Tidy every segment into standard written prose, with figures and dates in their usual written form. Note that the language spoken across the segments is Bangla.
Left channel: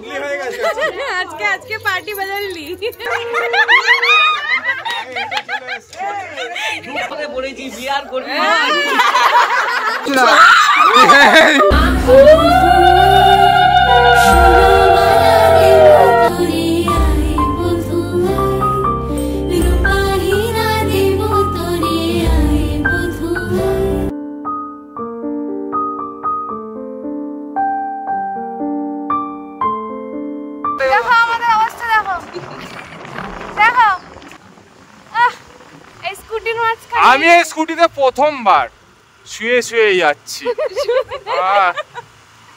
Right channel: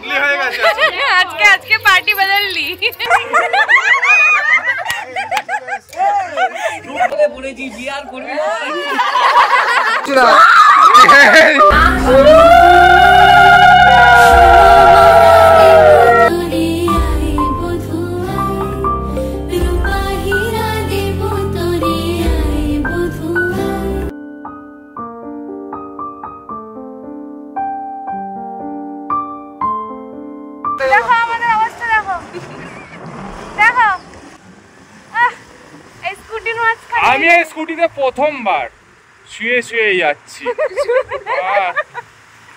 বদলি হয়ে গেছে আজকে পার্টি বদললি। বলেছি বিয়ার করবি না। দেখো আমাদের অবস্থা, দেখো দেখো। স্কুটির মাঝখানে আমি এই স্কুটিতে প্রথমবার শুয়ে শুয়ে যাচ্ছি।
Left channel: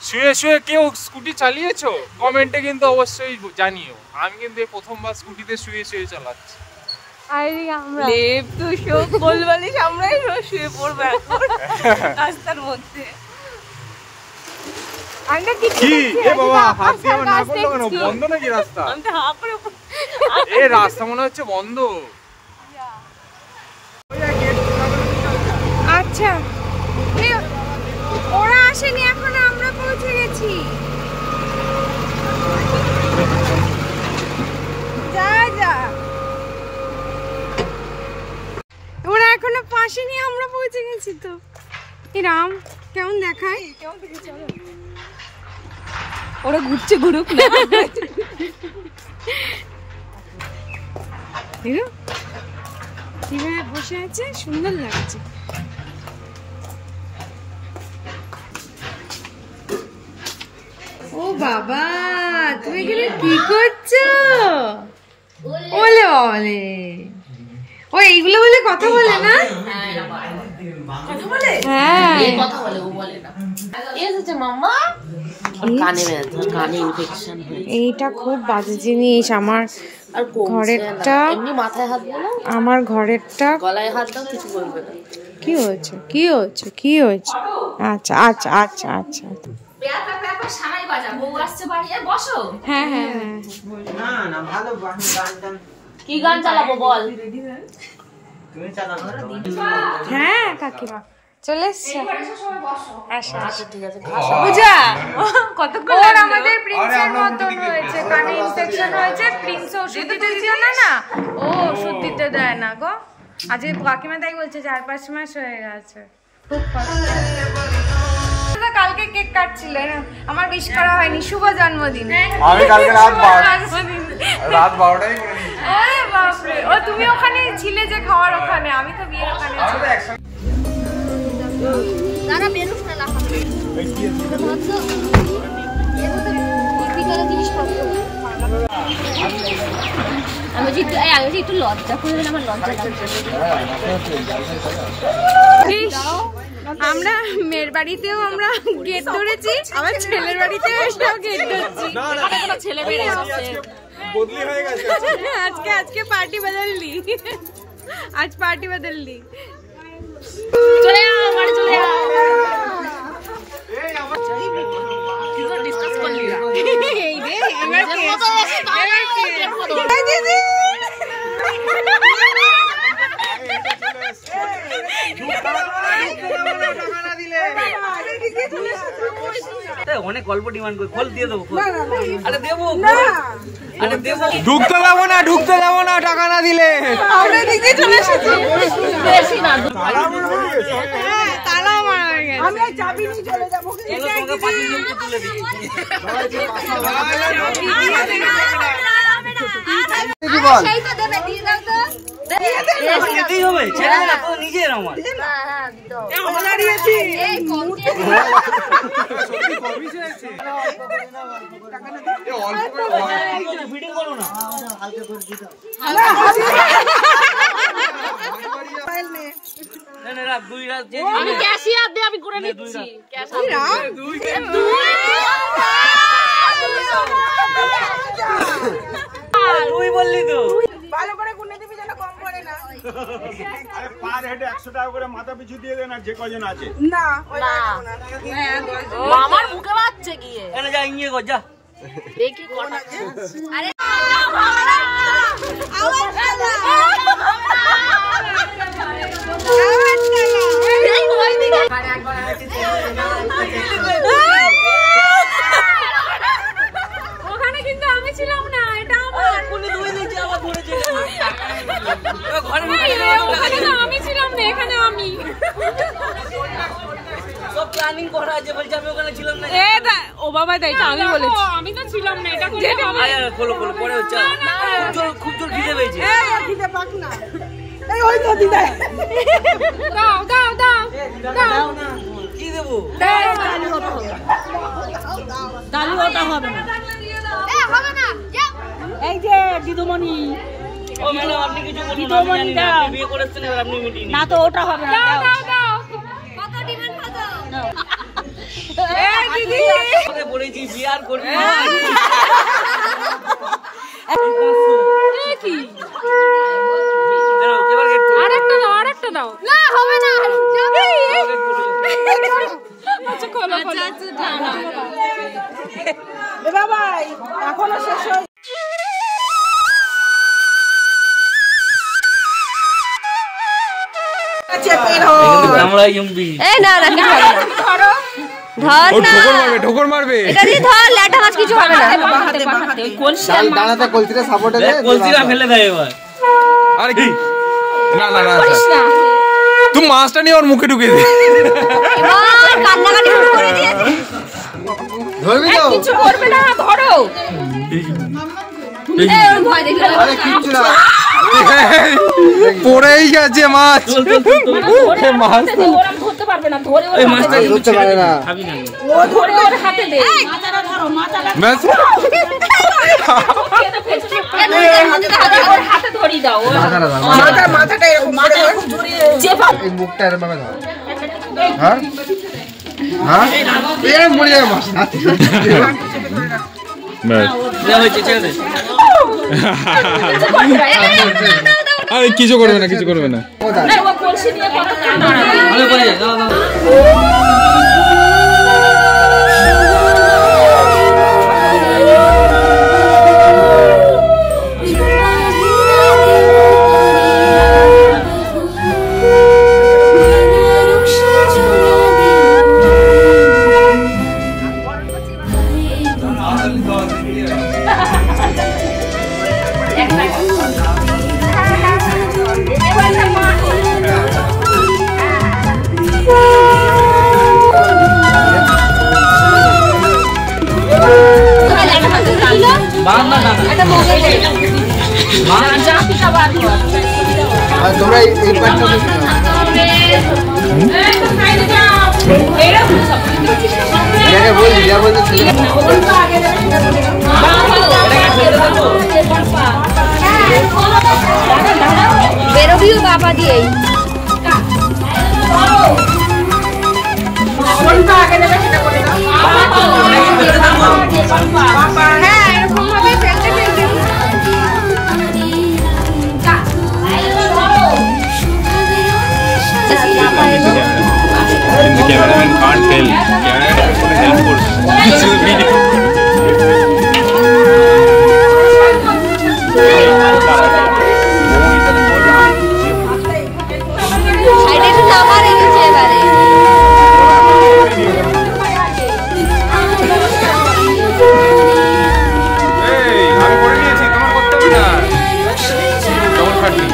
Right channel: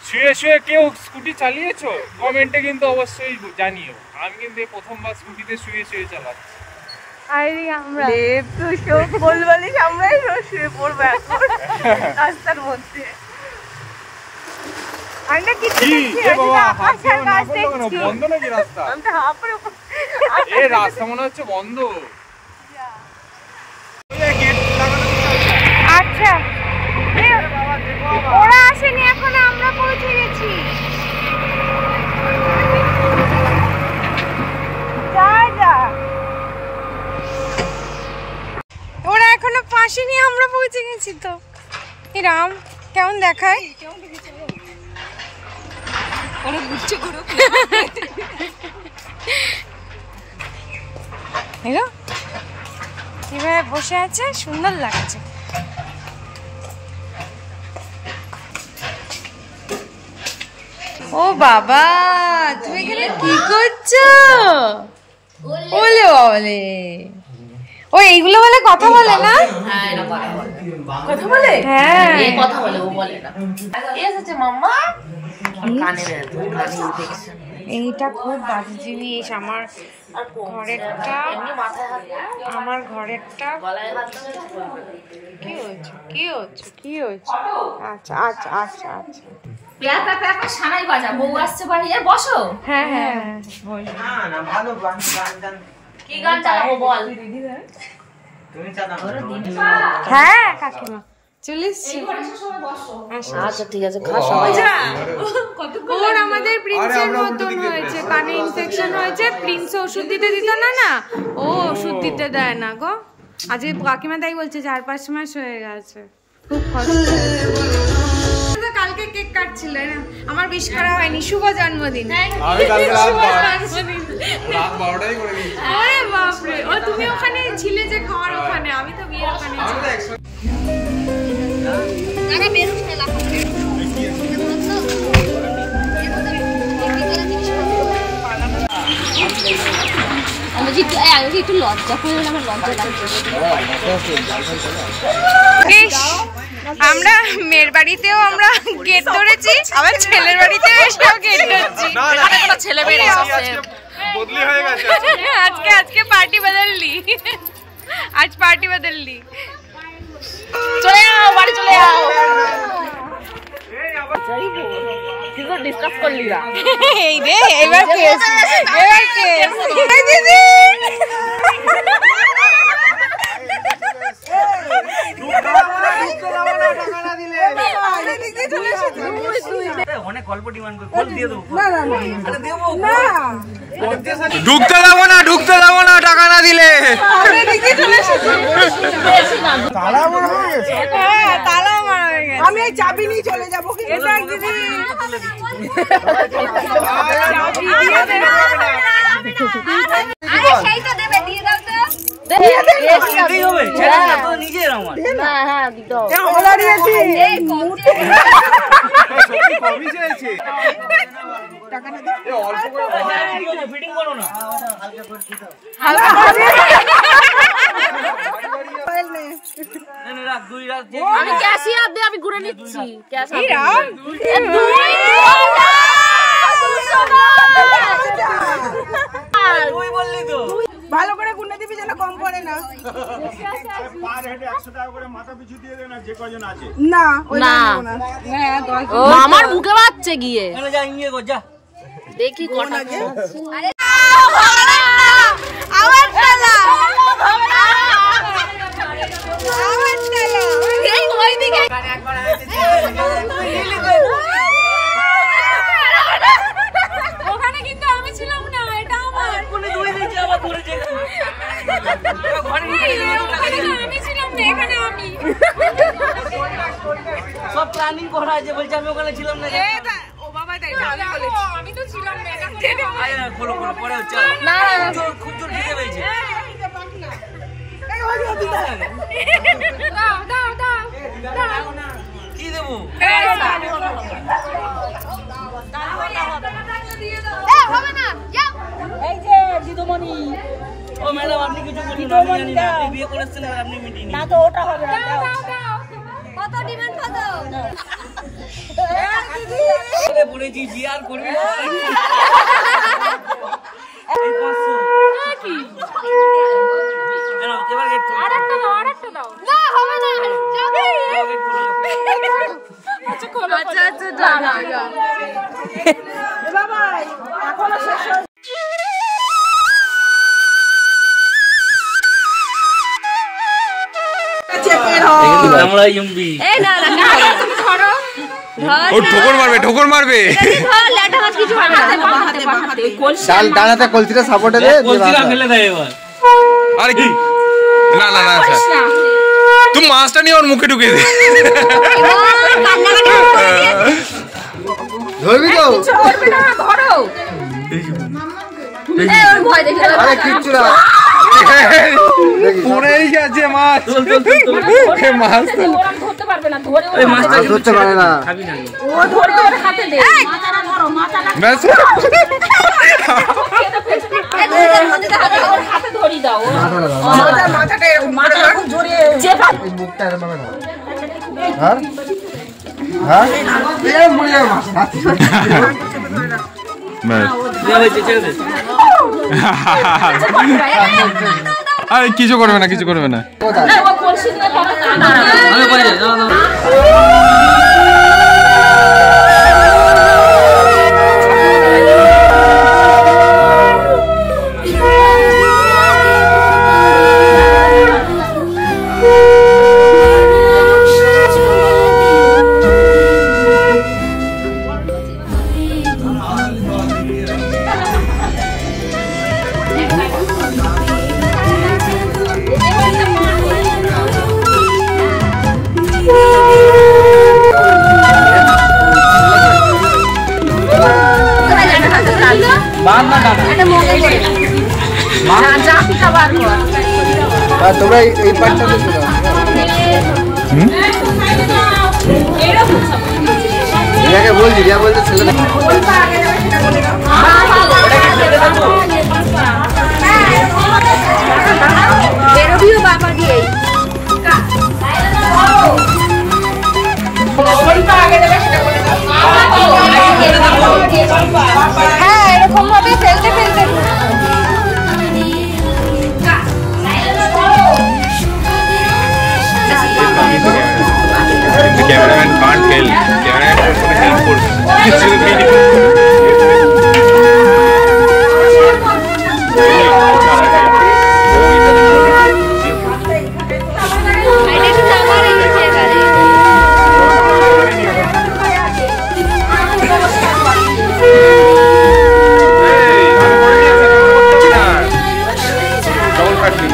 শুয়ে শুয়ে কেউ স্কুটি চালিয়েছো? কমেন্টে কিন্তু অবশ্যই জানিও। আমি কিন্তু এই প্রথমবার স্কুটিতে শুয়ে শুয়ে চালাচ্ছি। আমরা দেব তো সব বলবালিশ আমরাই শুয়ে পড়বো এখন রাস্তার মধ্যে। আমরা কিছু দেখছি, আকাশের গাছ দেখছি। বন্ধ নাকি রাস্তা? আমি তো হাঁ করে এই রাস্তা মনে হচ্ছে বন্ধ। আচ্ছা ওরা আসেনি, এখন আমরা পৌঁছে গেছি। যা ওরা এখনো পাশেনি, আমরা পৌঁছে গেছি। তো রাম কেমন দেখায়? ওরা ঘুরছে ঘুরুক। কিভাবে বসে আছে, সুন্দর লাগছে। ও বাবা, তুমি এখানে কি করছো? ওলে বলে ও এইগুলো বলে কথা বলে না? কথা বলে? হ্যাঁ কথা বলে, ও বলে না। এসেছে মাম্মা। এইটা খুব বাজে জিনিস। আমার ঘরেরটা, আমার ঘরেরটা কি হয়েছে? কি হয়েছে? কি হয়েছে? আচ্ছা আচ্ছা আচ্ছা আচ্ছা হ্যাঁ হ্যাঁ হ্যাঁ কি গান চালাবো বল? হ্যাঁ কাকিমা চলে এসছে। আচ্ছা ঠিক আছে। ওর আমাদের প্রিন্সের মতন হয়েছে, কানে ইনফেকশন হয়েছে। প্রিন্স ওষুধ দিতে দিত না, ও ওষুধ দিতে দেয় না গো। আজকে কাকিমা তাই বলছে 4-5 মাস হয়ে গেছে, খুব কষ্ট। কালকে কেক কাটছিল না, আমার উইশ করা হয়নি। শুভ জন্মদিন। আমি কালকে রাত 12টায় করে দিয়েছি। ওরে বাপ রে, ও তুমি ওখানে ছিলে যে খাওয়ার ওখানে, আমি তো বিয়ের ওখানে ছিলাম। আমি একটু লজ্জা করে, আমার লজ্জা লাগছে। আমরা মেয়ের বাড়িতেও আমরা গেট ধরেছি, আবার ছেলের বাড়িতেও এসেও গেট ধরছি। ছেলে মেয়ে বদলি হয়ে গেছে আজকে পার্টি বদললি। আজ পার্টি বদললি। চলে যাও বাড়ি, চলে যাও। ডিসকাস করলি না এই রে, এবার অনেক অল্প ডিমান্ড করে কল দিয়ে দেবো। আরে দেবো, ঢুকতে দেবো না, ঢুকতে দেবো না টাকা না দিলে। হ্যাঁ তালাও মারা হয়ে গেছে। আমি চাবি নিয়ে চলে যাবো। সেইটা দেবে, দিয়ে দাও তো। নিজের আমার আমি ঘুরে নিচ্ছি। তুই বললি তো ভালো করে গুনে দিবি যেন কম পড়ে না। পার হেডে 100 টাকা করে মাথা পিছু দিয়ে দেন, যে কজন আছে। না না আমার মুখে বাজছে গিয়ে। যা ইয়ে কর, যা দেখি কোন আগে। আরে আওয়াজ পেলা, আওয়াজ পেলা। এই তো ওইদিকে একবার হয়েছে। আমি ছিলাম না, এখানে আমি সব প্ল্যানিং করা আছে, বলছি আমি ওখানে ছিলাম না। ও বাবা তাই তো আমি বলেছি, আমি তো ছিলাম না, এটা খুলে খাবো। খোলো খোলো, পরে হচ্ছে না খুব জোর খিদে পেয়েছে। খিদে পাক না, এই ওই নদী দেয়। দাও দাও দাও দাও। কি দেবো? ডালি ওটা হবে না, হবে না, যাও। এই যে দিদুমণি। ও ম্যাডাম, আপনি কিছু বলুন, আমি জানি না। আপনি বিয়ে করেছেন আর আপনি মিটিং না তো ওটা হবে না। দাও দাও দাও। কত ডিমান্ড কত? এই দিদি বলেছি বিয়ে আর করবি না। এই 500 কি? আরেকটা দাও। আরেকটা দাও। না হবে না, যাবে। আচ্ছা আচ্ছা দাও দাও দাও। বাবা এখনো শেষ হয়। আমরা ইউমবি। এই না না ধরো। ও ঠোকর মারবে, ঠোকর মারবে। ধর ল্যাটা মাছ কিছু হবে না। বাহাতে ওই কলসি ডানাতে কলসিটা সাপোর্টে দে, কলসিটা ফেলে দেয় এবার। আরে কি? না না না স্যার, তুই মাছটা নিয়ে ওর মুখে ঢুকিয়ে দে। এবার কান্নাকাটি করে দিয়ে ধরবি তো? কিছু করবে না, ধরো। এই ওর ভয় দেখে আরে কিচ্ছু না, পড়েই গেছে মাছ। মাছ ধরতে পারবে না, ধরে এই মাছটা ধরতে পারে না। খাবি না। ও ধরে ওর হাতে দে। মাথাটা ধরো, মাথাটা ব্যাস। ওর হাতে ধরি দাও। মাথাটা এরকম করে ধর। এই মুখটা এরকম ভাবে ধর। হ্যাঁ হ্যাঁ, এই মরে যাবে মাছ। ব্যাস। যা হয়েছে ছেড়ে দে। আরে কিছু করবে না, কিছু করবে না। ও কলসি নিয়ে বাবা আমি বলি দাও দাও। বাদ না দাদা। মা যা পিঠা বার কর। আর তোমরা এই পাঁচটা এটাকে বলছি, রিয়া বলছে ছেলে বেরোবিও বাবা দিয়ে। হ্যাঁ এরকম ভাবে ফেলতে ফেলতে The cameraman can't help. Cameraman কোনো হেল্প করবে। এটা একটু নামা রেখেছে এবারে। এই, আমি করে নিয়েছি, তোমার করতে হবে না। তখন কাটলি।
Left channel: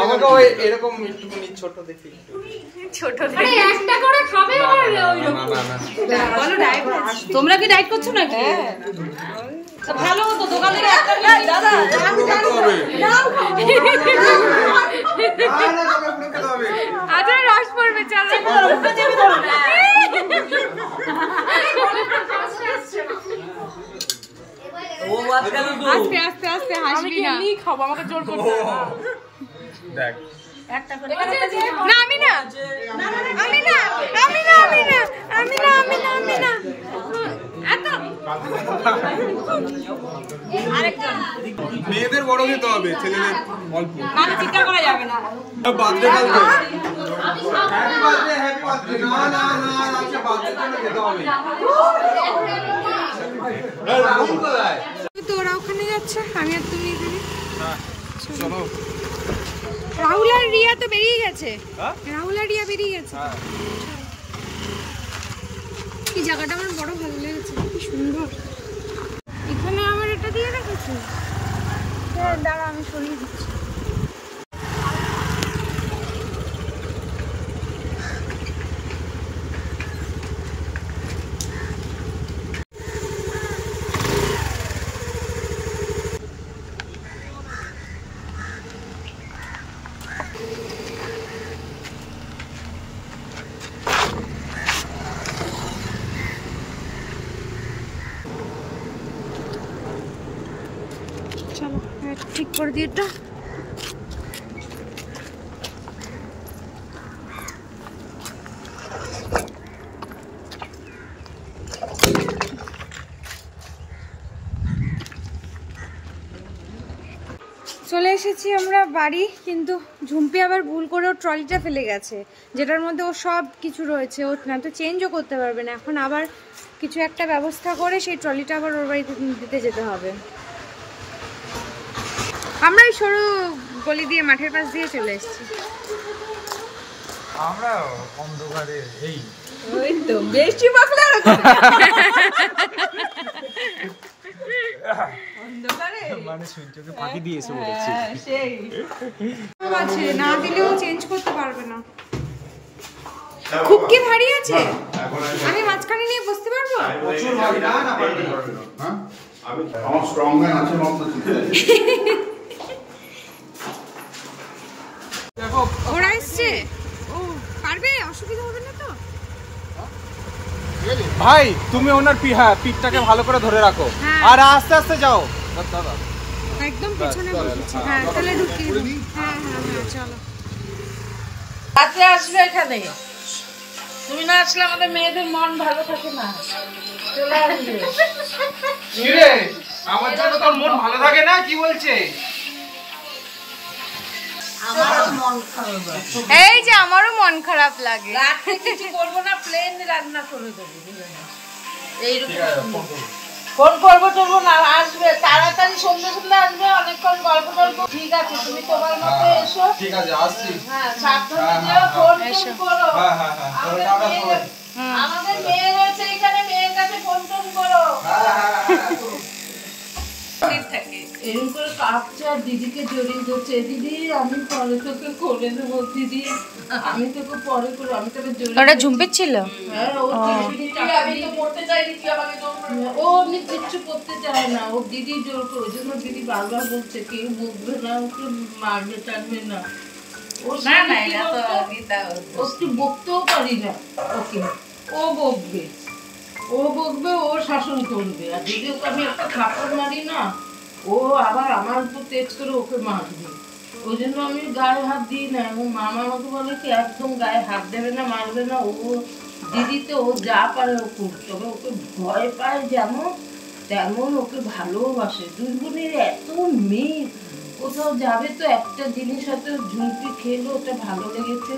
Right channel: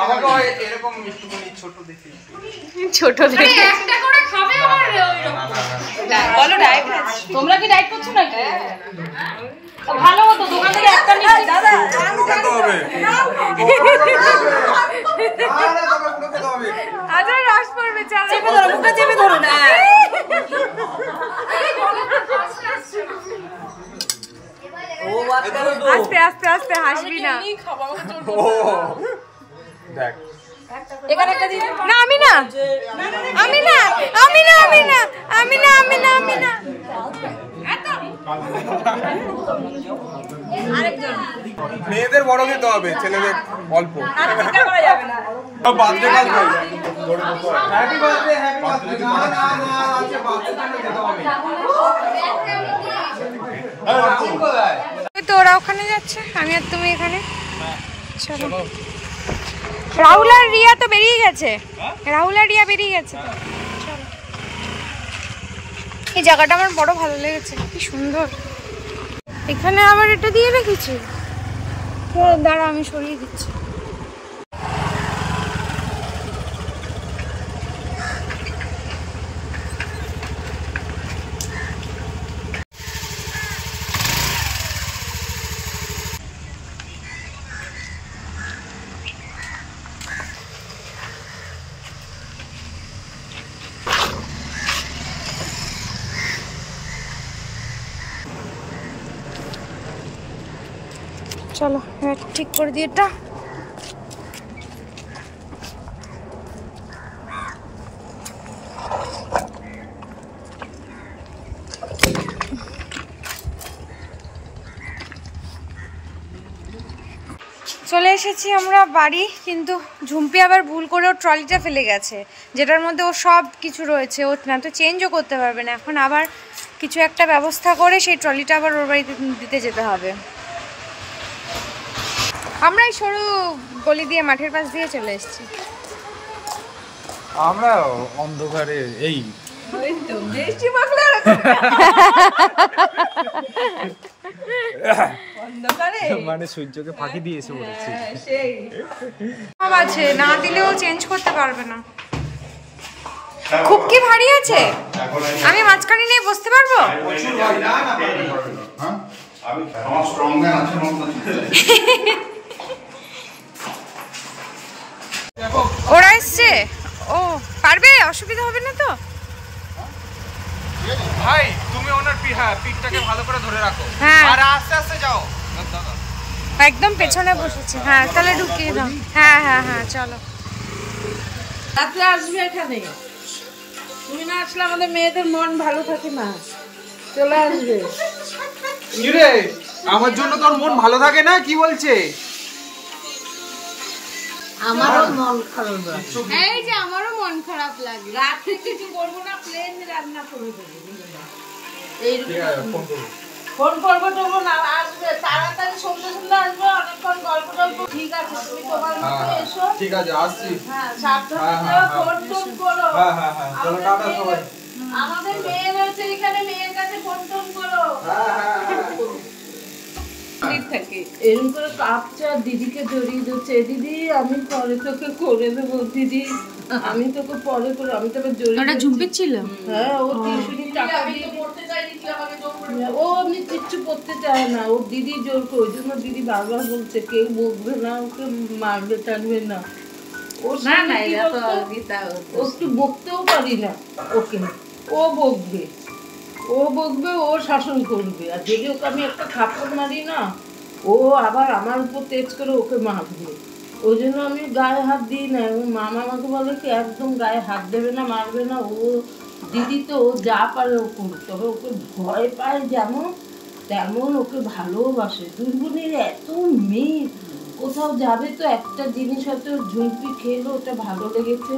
আমাকে ওই এরকম একটুখানি ছোট দেখি। ছোট দেখে একটা করে খাবে আবার বলো ডায়েট আছে। তোমরা কি ডায়েট করছো নাকি? ভালো হতো দোকান থেকে একটা নিয়ে দাদা পুরো খেতে হবে। আচ্ছা রস পড়বে, চলো আস্তে আস্তে আস্তে, হাসবি না। না আমি না, আমি না, আমি না, আমি না, আমি না, আমি না, আমি না, এত মেয়েদের বড় খেতে হবে, ছেলেদের অল্প। আমি চিন্তা করা যাবে না। বার্থডে কালকে হ্যাপি বার্থডে, হ্যাপি বার্থডে। না না না, আজকে বার্থডে জন্য খেতে হবে। তো ওরা ওখানে যাচ্ছে, আমি আর তুমি এখানে। চলো। রাহুল আর রিয়া তো বেরিয়ে গেছে, রাহুল আর রিয়া বেরিয়ে গেছে। চলো। এই জায়গাটা আমার বড় ভালো লেগেছে, কি সুন্দর। এখানে আবার এটা দিয়ে রেখেছি, দাঁড়া আমি সরিয়ে দিচ্ছি। চলো ঠিক করে দিই এটা। চলে এসেছি আমরা বাড়ি, কিন্তু ঝুম্পি আবার ভুল করে ওর ট্রলিটা ফেলে গেছে, যেটার মধ্যে ও সব কিছু রয়েছে। ও না তো চেঞ্জও করতে পারবে না, এখন আবার কিছু একটা ব্যবস্থা করে সেই ট্রলিটা আবার ওর বাড়িতে দিতে যেতে হবে। আমরা এই সরু গলি দিয়ে মাঠের পাশ দিয়ে চলে এসেছি। আমরা অন্ধকারে এই বৃষ্টি মাখলে মানে সূর্যকে ফাঁকি দিয়ে এসে বলেছি। সব আছে, না দিলেও চেঞ্জ করতে পারবে না। খুব কি ভারী আছে, আমি মাঝখানে নিয়ে বসতে পারবো? ওরা এসছে, ও পারবে, অসুবিধা হবে না তো? ভাই তুমি ওনার পিঠটাকে ভালো করে ধরে রাখো, হ্যাঁ। আর আস্তে আস্তে যাও। একদম পেছনে বসেছে, হ্যাঁ তাহলে ঢুকিয়ে দাও। হ্যাঁ হ্যাঁ হ্যাঁ চলো। রাতে আসবে এখানে, তুমি না আসলে আমাদের মেয়েদের মন ভালো থাকে না। চলে আসবে। রে আমার জন্য তোর মন ভালো থাকে না, কি বলছে? আমারও মন খারাপ লাগে। এই যে আমারও মন খারাপ লাগে। রাতে কিছু করবো না, প্লেন রান্না করে দেবো। এইরকম ফোন করবো টরবো না, আসবে তাড়াতাড়ি, সন্ধ্যে সন্ধ্যে আসবে, অনেকক্ষণ গল্প টল্প। ঠিক আছে, তুমি তোমার মতো এসো। ঠিক আছে, আসছি। হ্যাঁ, সাবধানে যাও, ফোন টোন করো। হ্যাঁ হ্যাঁ হ্যাঁ, চলো টাটা সবাই। আমাদের মেয়ে রয়েছে এখানে, মেয়ের কাছে ফোন টোন করো। এরকম করে কাঁপছে আর দিদিকে জড়িয়ে ধরছে। দিদি আমি পরে তোকে করে দেবো, দিদি আমি তোকে পরে করে, আমি তোকে জড়িয়ে। ওটা ঝুম্পির ছিল? হ্যাঁ, ও টিউশনি টাকা দিয়ে পড়তে চাইনি, তুই আমাকে জোর করে। ও এমনি কিচ্ছু করতে চায় না, ও দিদি জোর করে। ওই জন্য দিদি বারবার বলছে কেউ বকবে না, ওকে মারবে টানবে না। ও না না, এটা তো গীতা, ও একটু বকতেও পারি না ওকে। ও বকবে, ও বকবে, ও শাসন করবে। আর যদি ওকে আমি একটা থাপ্পড় মারি না, ও আবার আমার উপর তেজ করে ওকে মারবে। ওই জন্য আমি গায়ে হাত দিই না। এবং মামা আমাকে বলে কি একদম গায়ে হাত দেবে না, মারবে না। ও দিদি তো ও যা পারে ও করবে, তবে ওকে ভয় পায় যেমন তেমন ওকে ভালোবাসে। দুই বোনের এত মিল, কোথাও যাবে তো একটা জিনিস হয়তো ঝুমকি খেলো, ওটা ভালো লেগেছে,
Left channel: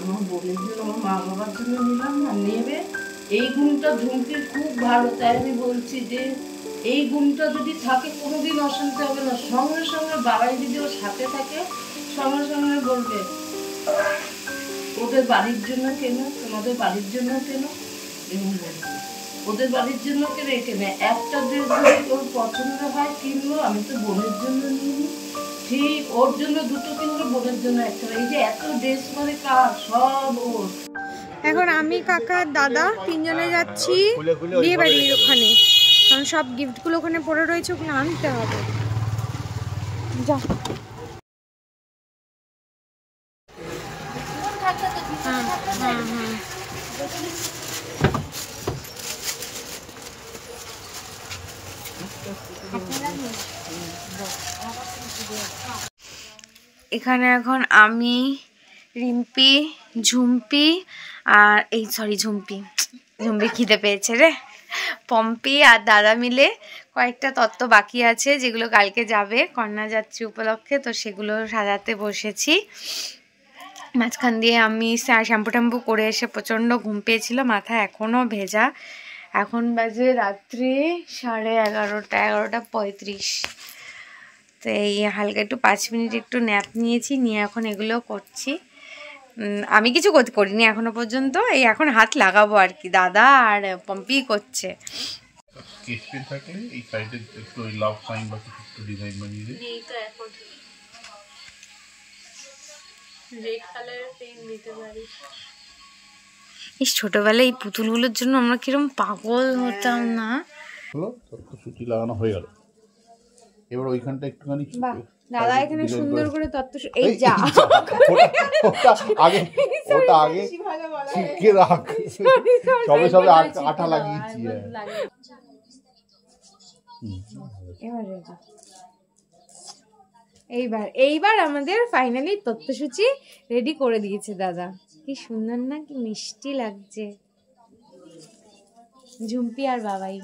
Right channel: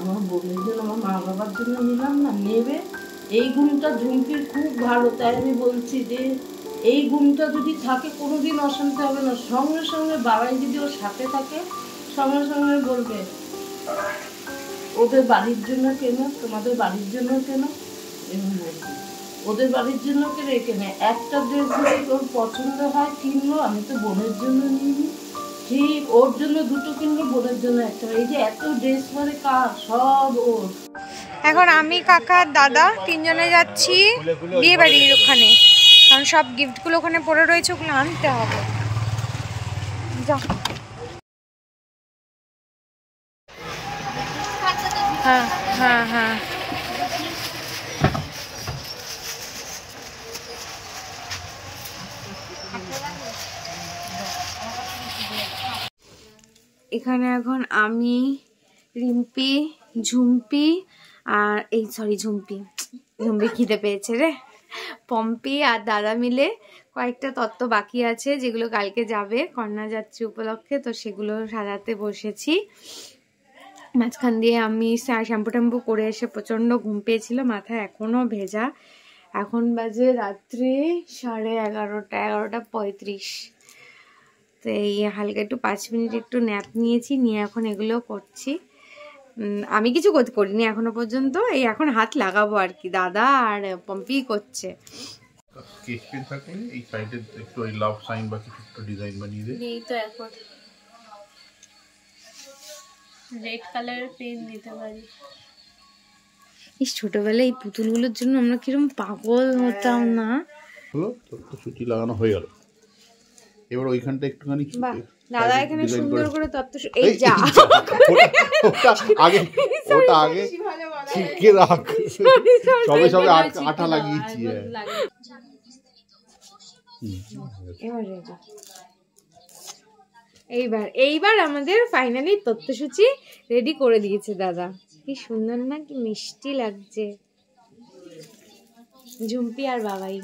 আমার বোনের জন্য, আমার মা বাবার জন্য নিলাম না, নেবে। এই গুণটা ঝুমকির খুব ভালো, তাই আমি বলছি যে এই গুণটা যদি থাকে কোনোদিন অশান্তি হবে না। সঙ্গে সঙ্গে বাবাই যদি ওর সাথে থাকে, সঙ্গে সঙ্গে বলবে ওদের বাড়ির জন্য কেন, তোমাদের বাড়ির জন্য কেন, এরকম বলবে। ওদের বাড়ির জন্য কেন, এখানে একটা ড্রেস যদি ওর পছন্দ হয় কিনবো, আমি তো বোনের জন্য নিই, ঠিক ওর জন্য দুটো কিনবো, বোনের জন্য একটা। এই যে এত ড্রেস পরে কার, সব ওর। এখন আমি, কাকা, দাদা তিনজনে যাচ্ছি বিয়ে বাড়ির ওখানে, কারণ সব গিফটগুলো ওখানে পড়ে রয়েছে, ওগুলো আনতে হবে। যাও। হ্যাঁ হ্যাঁ হ্যাঁ এখানে এখন আমি, রিম্পি, ঝুম্পি আর ঝুম্পি খিদে পেয়েছে রে, পম্পি আর দাদা মিলে কয়েকটা তত্ত্ব বাকি আছে যেগুলো কালকে যাবে কন্যা যাত্রী উপলক্ষে, তো সেগুলো সাজাতে বসেছি। মাঝখান দিয়ে আমি শ্যাম্পু ট্যাম্পু করে এসে প্রচণ্ড ঘুম পেয়েছিল, মাথা এখনও ভেজা। এখন বাজে রাত্রি 11:30 তো এই হালকা একটু 5 মিনিট একটু ন্যাপ নিয়েছি, নিয়ে এখন এগুলো করছি। আমি কিছু করিনি এখনো পর্যন্ত, এই এখন হাত লাগাবো আর কি, দাদা আর পম্পি করছে। স্কেচ পেন থাকলে এই সাইডে একটু ওই লাভ সাইন বা কিছু একটু ডিজাইন বানিয়ে দে। এই তো এখন রেড কালারের পেন নিতে পারি। এই ছোটবেলায় এই পুতুলগুলোর জন্য আমরা কিরকম পাগল হতাম না। হলো তো সুতি লাগানো হয়ে গেল, এবার ওইখানটা একটুখানি বাহ, দাদা এখানে সুন্দর করে এই যা আগে ওটা আগে শিখে রাখ, সবে সবে আঠা লাগিয়েছি। এইবার আমাদের ফাইনালি তথ্যসূচি রেডি করে দিয়েছে দাদা। কি সুন্দর না, কি মিষ্টি লাগছে। ঝুম্পি আর বাবাই